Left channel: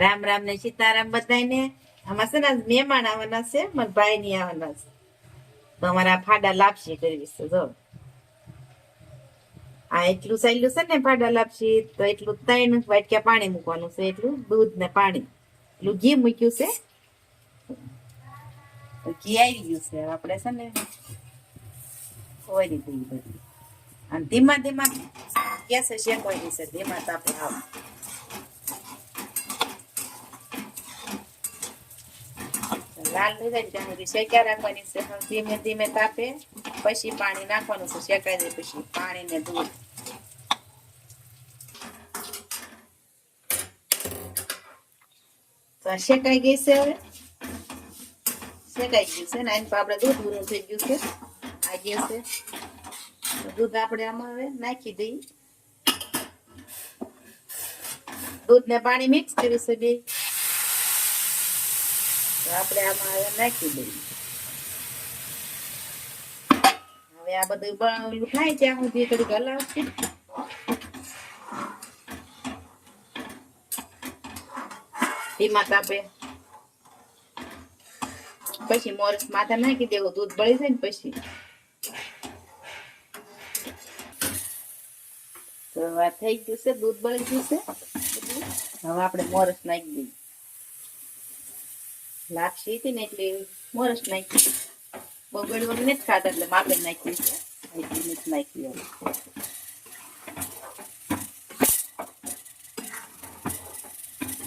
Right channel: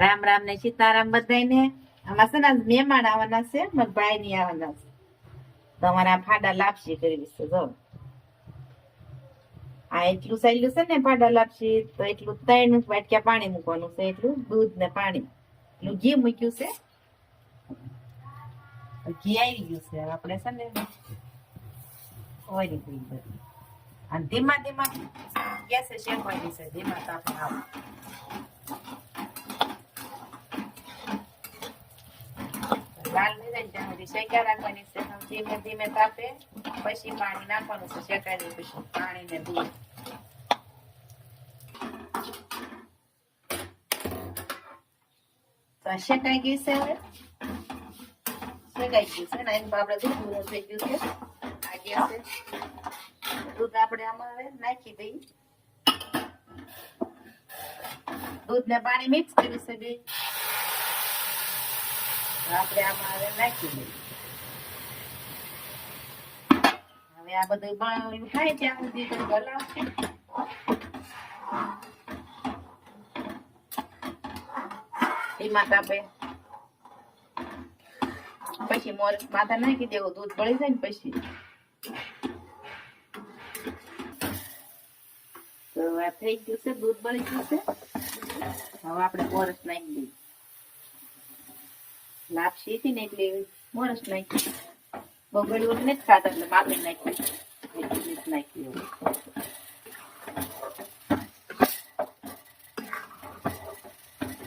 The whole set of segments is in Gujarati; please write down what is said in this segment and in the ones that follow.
રામ રામ ને સીતારામ બધાને. આમાં છે ને મહેમાન આવવાના છે, મારા ભાઈ ની આવવાના છે, તો અમારા ફાડા લાપસી કરવી છે. જો આ એટલું સાયલું છે ને ફાડા લાપસી, તો એટલું 3 વાટકા પાણી મૂકવાનું છે, એટલું દૂધ ને પાણી, એટલું ઘી મૂક્યું છે. ઘી આવી ગયું છે, આપણે છે ને ઓરી દઈ બધું, અને ધીમા ધીમા ગેસે શેકવાની છે, ધીમા તાપે આવું. લાલ થઈ જાય ત્યાં સુધી શેક્યા રાખવાની છે, ધીમે ધીમે તાપે. પછી પાણી નાખવાનું છે, શેકાઈ જાય પછી પાણી ને દૂધ. તો શેકાઈ ગઈ છે, હવે શેકાઈ ગયું છે ને એની આપણે દૂધ પૂરું થઈ ગયું છે. આ ગયું છે દૂધ, આપણે આમાં હવે નાખી દઈ. દૂધ ને પાણી મિક્સ કર્યું છે બે, આપણે આમાં હવે નાખી દઈએ. હવે આ બધું થાય ત્યાં સુધી થોડીક હલાવશે. ધીમા તાપે પછી મોરસ માથા નાખી દેવો, દૂધ બળી જાય ને પછી. તો આ થઈ ગયું છે, દૂધ બળી ગયું છે. હવે આપણે મોરસ નાખી દઈએ. લાપસી હતી ને એટલે મોરસ નાખી. બગડવું નથી ખાતા એટલે માપે નાખી નાખી.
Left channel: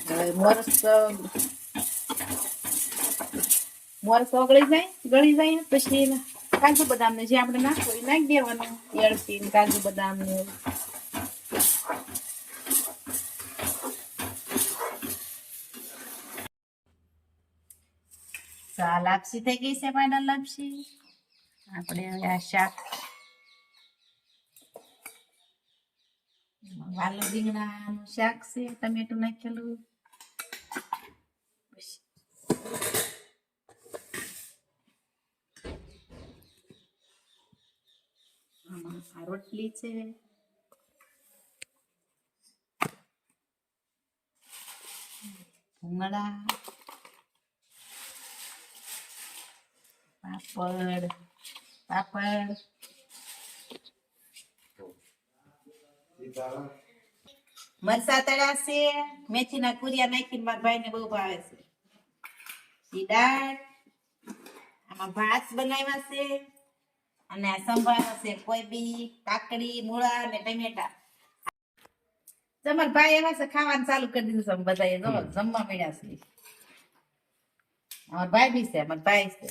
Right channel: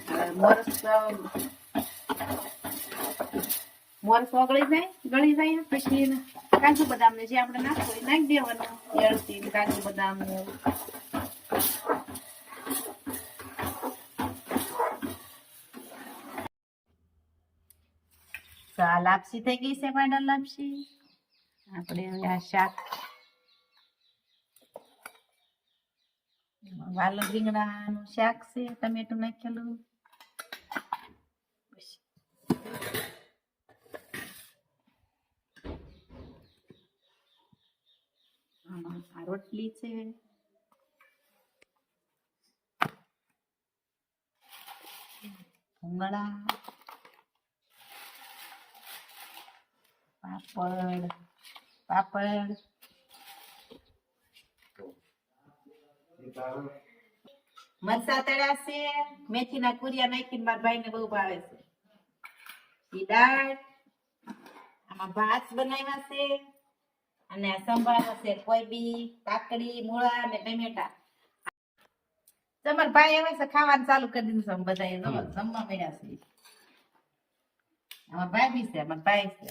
હવે મોરસ ઓગળી જાય, ગળી જાય ને પછી કાજુ બદામ ને જે આપણે નાખવું એ નાખી દેવાનું. એળસી કાજુ બદામ ને આ લાપસી થઈ ગઈ છે, ફાઇનલ લાપસી. આપણે હવે આ શાક વાલો રીંગણાનું શાક છે, ટમેટું નાખેલું. આ રોટલી છે, ભૂંગળા, પાપડ મરસા તળ્યા છે, મેથીના કુરિયા નાખીને મારા ભાઈને બહુ ભાવે છે. દાળ, આમાં ભાત બનાવ્યા છે, અને સંભારો છે, કોબી, કાકડી, મૂળા અને ટમેટા. તમારા ભાઈ એવા છે, ખાવાનું ચાલુ કરી દીધું છે. બધા જમવા મળ્યા છે. અમારા ભાઈ બી છે, અમારા ભાઈ છે.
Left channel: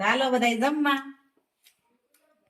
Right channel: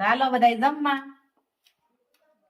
ચાલો બધા જમવા.